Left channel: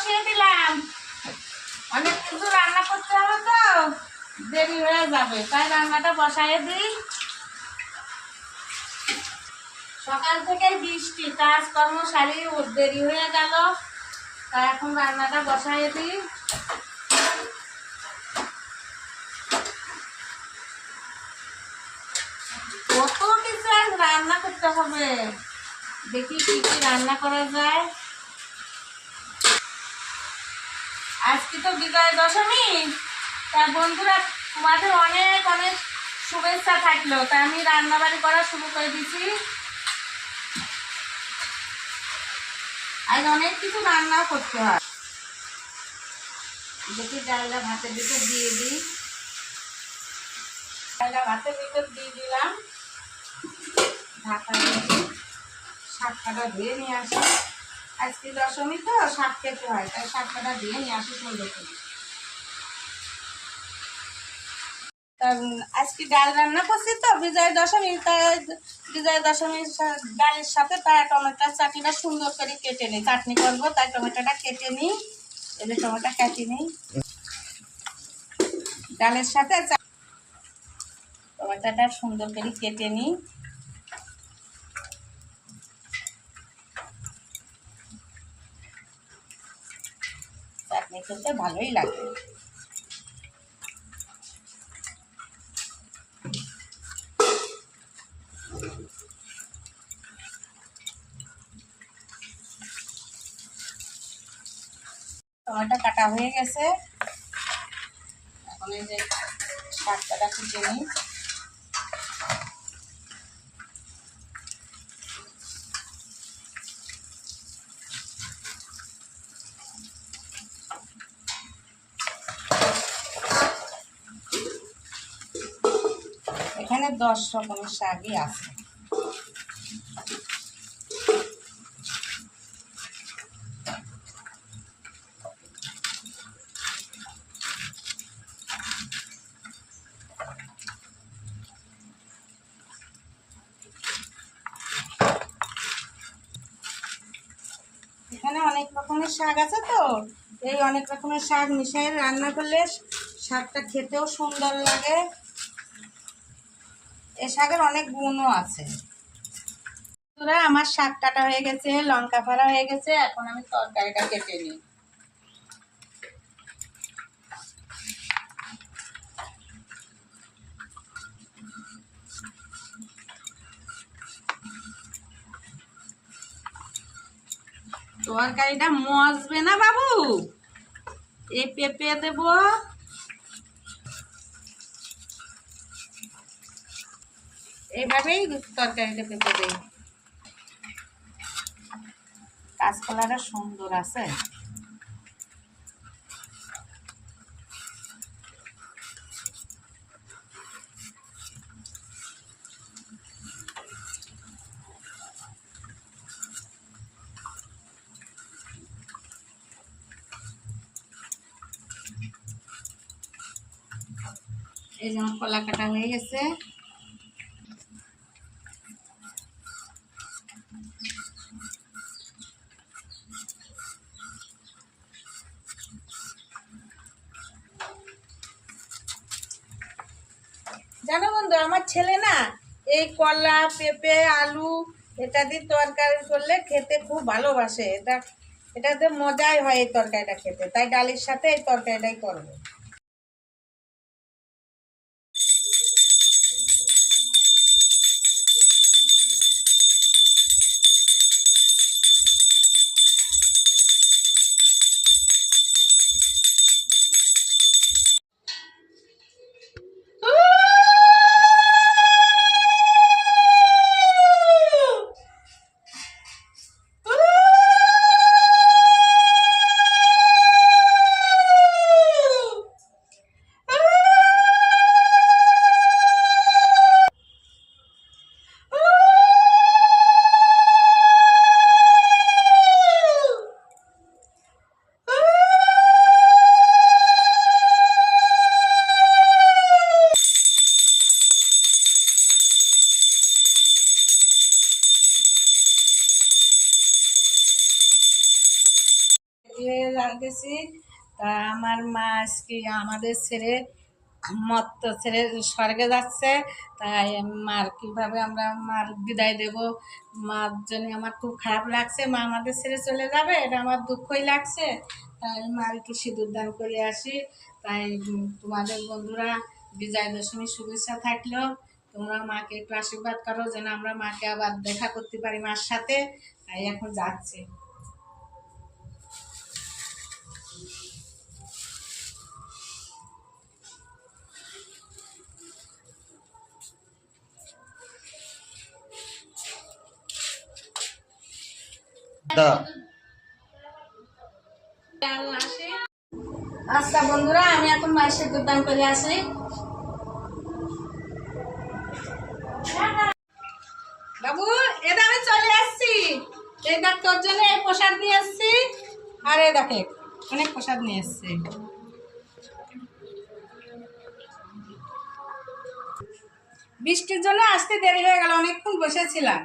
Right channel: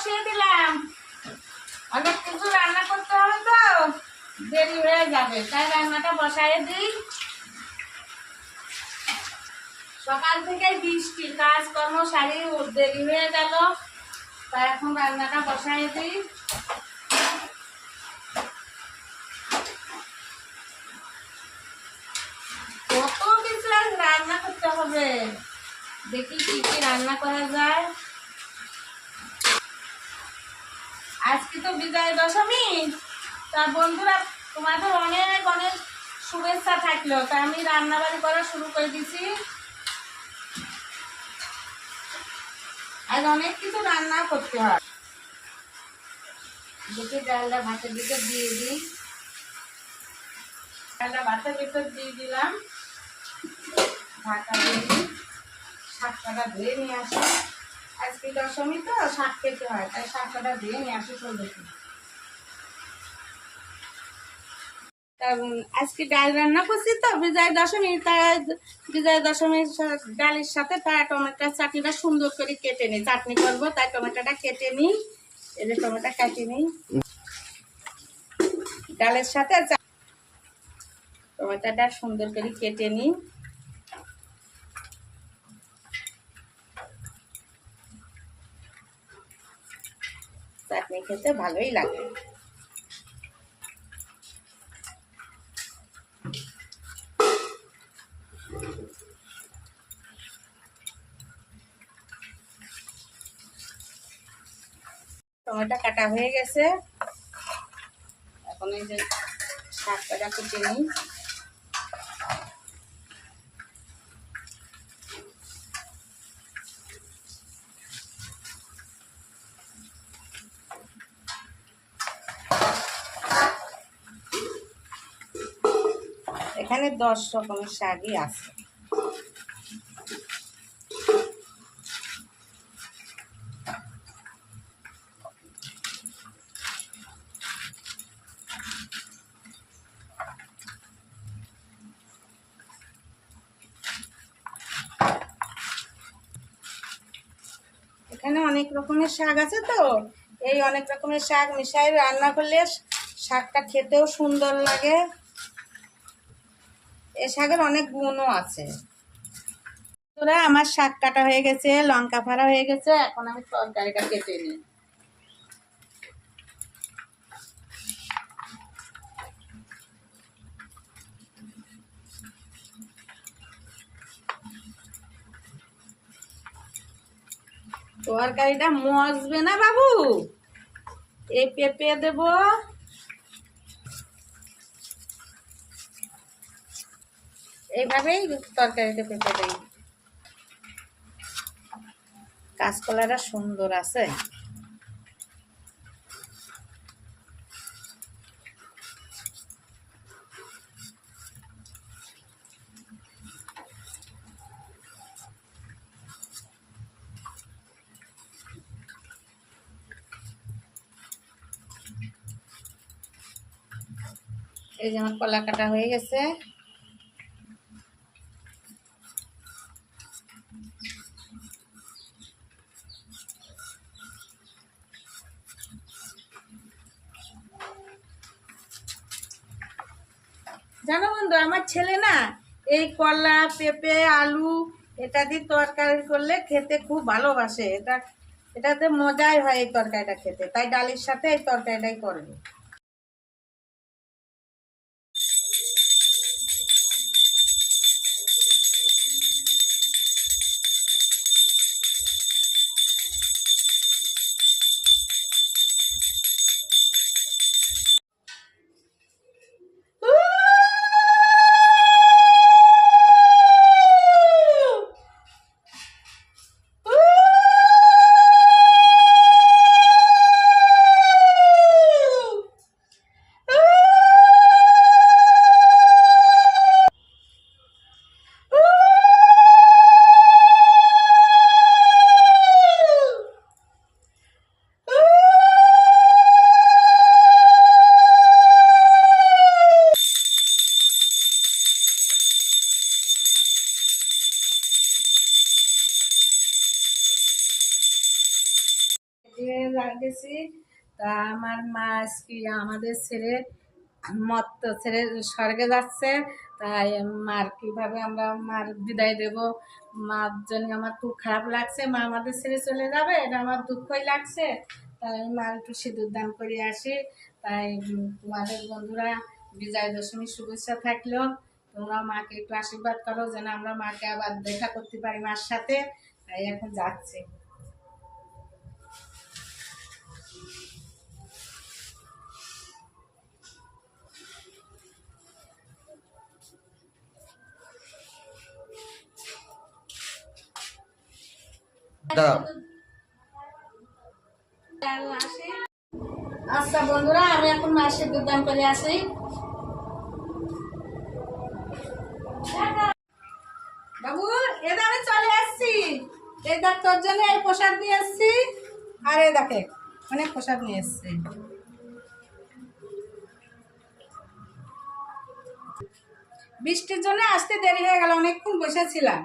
বসিয়ে দিলাম। অনেক কিছু রান্না করতে হবে তো দেরি হয়ে যাবে, তাই রান্নাটা বসাইয়ে দিই। সকাল থেকে বৃষ্টি, কাজকর্ম সারি দেরি হয়ে গেল, তাই এখন রান্নাটা বসাইয়ে দিই। কত কিছু রান্না করতে হবে, দেখি কি কি রান্না করা যায়। আজকে তো বিজয়া দশমী, তা বন্ধুরা তোমাদের অনেক অনেক শুভেচ্ছা থাকলো, তাই আমি রান্নাবাড়ি করা শুরু করে দিচ্ছি। আজ অনেক কিছু রান্না করতে হয়। দেখি ডালটা ভাতের ভিতর দিয়ে দিই। ডালটা ভাতের ভিতর দিয়ে দিলাম, ঢাকা দিয়ে দিই। শাক কাটা ধুয়ে নিয়ে আসি, আজকে দশমী তো শাক খেতে হয়, তাই শাক কাটা ধুয়ে নিয়ে আসি সুন্দর করে। আজকে ডাল রান্না করছি তো বিজয়া দশমী, তাই বিজয়া দশমীর ডালের সাথে তাই টমেটোর চাটনিটা সুন্দর করে কেটে নিই। চাটনি করবো তাই টমেটোটা কেটে নিই। এই যে টমেটো কেটে নিই, ডালের সাথে টমেটোটা সুন্দর করে কেটে নিই। চাটনি খেতে ভালোই লাগে। টমেটো কাটা হয়ে গেছে, এখন এই যে শাকটা কুটে নিই। এখানে 10 রকমের শাকই আছে। এখানে অনেক রকমের শাক আছে তো, এই অনেক রকমের শাক মিশাই রান্না করলে শাকটা খেতেও সুন্দর লাগে। এই শাকের অনেক গুণও আছে। তোরা আমার শাক কাটা হয়ে গেছে, লঙ্কা ফাড়া হয়ে গেছে, এখন আমি তরকারিটা কেটে নিই। তরকারিটা মজবে না বাবু, এই পেঁপে দেবো, এইভাবেই তরকারিটা পেঁপে দেই। কাঁচকলাটা সুন্দর আছে। এই যে আমার কলা কাটা হয়ে গেছে। জানো বন্ধু, আমার ছেলে না এই কলা পেঁপে আলু এটা দিয়ে তরকারি করলে খেতে খুব ভালোবাসে। এটাতে মজাই হয় এই তরকারিটা খেতে, তাই ডালের সাথে এই তরকারিটাই করবে। দিয়ে গেছি। তা আমার মা আজকে আমাদের ছেড়ে মত্ত ছেড়ে স্বর্গে যাচ্ছে। তাই মার কীভাবে আমরা মার বিদায় দেব, মার জন্য আমার খুব খারাপ লাগছে। মা আমাদের ছেড়ে চলে যাবে, এটা আমার দুঃখই লাগছে। তাই আমি মার একটু সিঁদুর দান করে আসি। তাই তোমাদের বন্ধুরা বিজয় দশমীর শুভেচ্ছা থাকলেও তোমরা মাকে একটু আশীর্বাদ করো যেন আমরা মাকে আবার দেখা করতে পারি মার সাথে। তাই এখন যাচ্ছি। আচ্ছা বন্ধুরা, আমি এখন মায়ের সিঁদুর দান করে আসি। বাবু এটা আমি চলে আসছি। এই দেখ তোর জন্য এই প্রসাদ নিয়ে এসছি। আর এই দেখে অনেক প্রসাদ নিয়ে এসছি। বৃষ্টির জন্য আসতে দেরি হয়ে গেল, অনেকক্ষণ বসেছিলাম।